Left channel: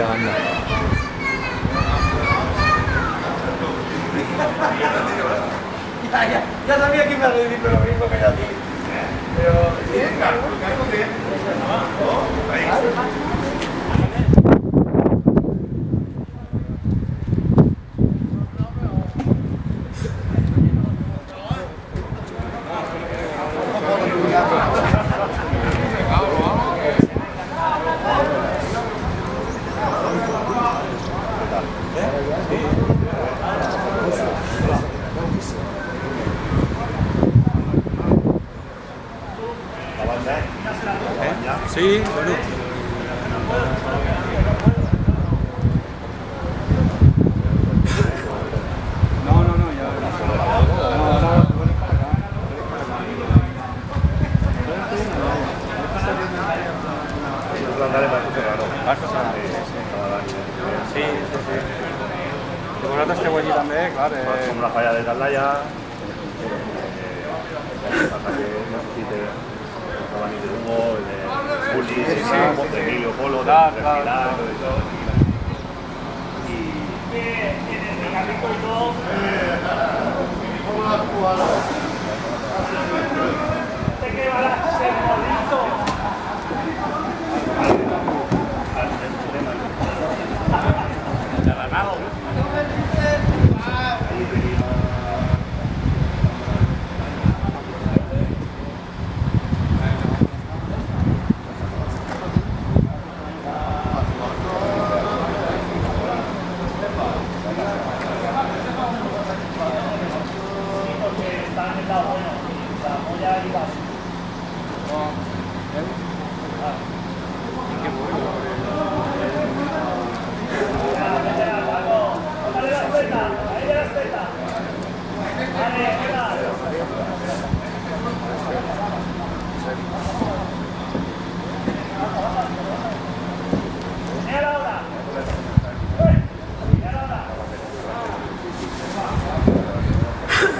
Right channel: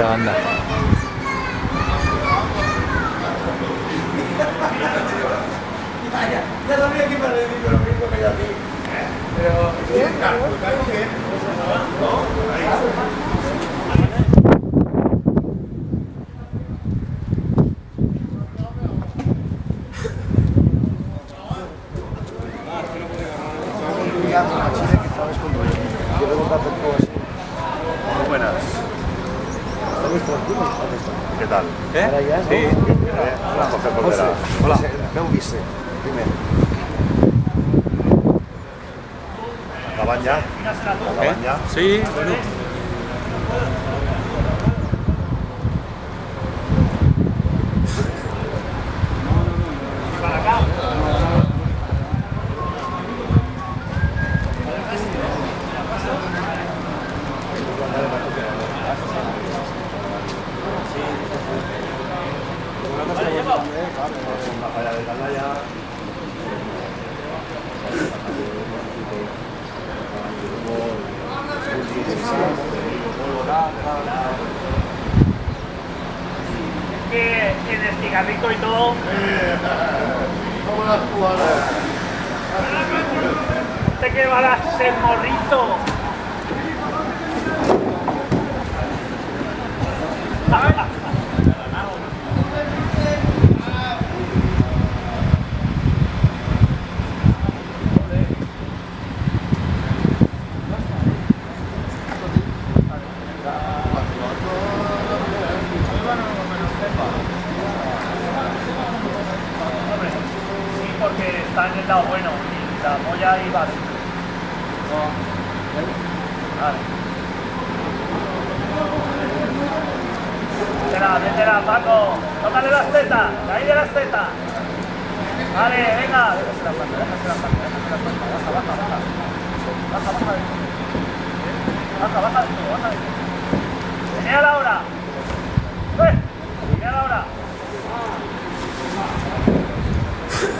Ya anda. Ya sabía que iba a decir, pero lo mismo que yo a ti. Pero... ¿Qué tal? Sí. Hola. ¿Acaban ya? ¿Acaban ya? Sí, bueno. Una falla de Caldaya. En el cigarrito y todo. ¿Usted qué va a ser morrito? Porque está en el lado bueno y la polla iba así. Métela, Paco, tócale las tetas, ahí de las tetas. Vale, venga. Baja. Señala ahora. Señala ahora.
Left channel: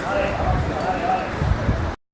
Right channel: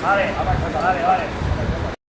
Vale.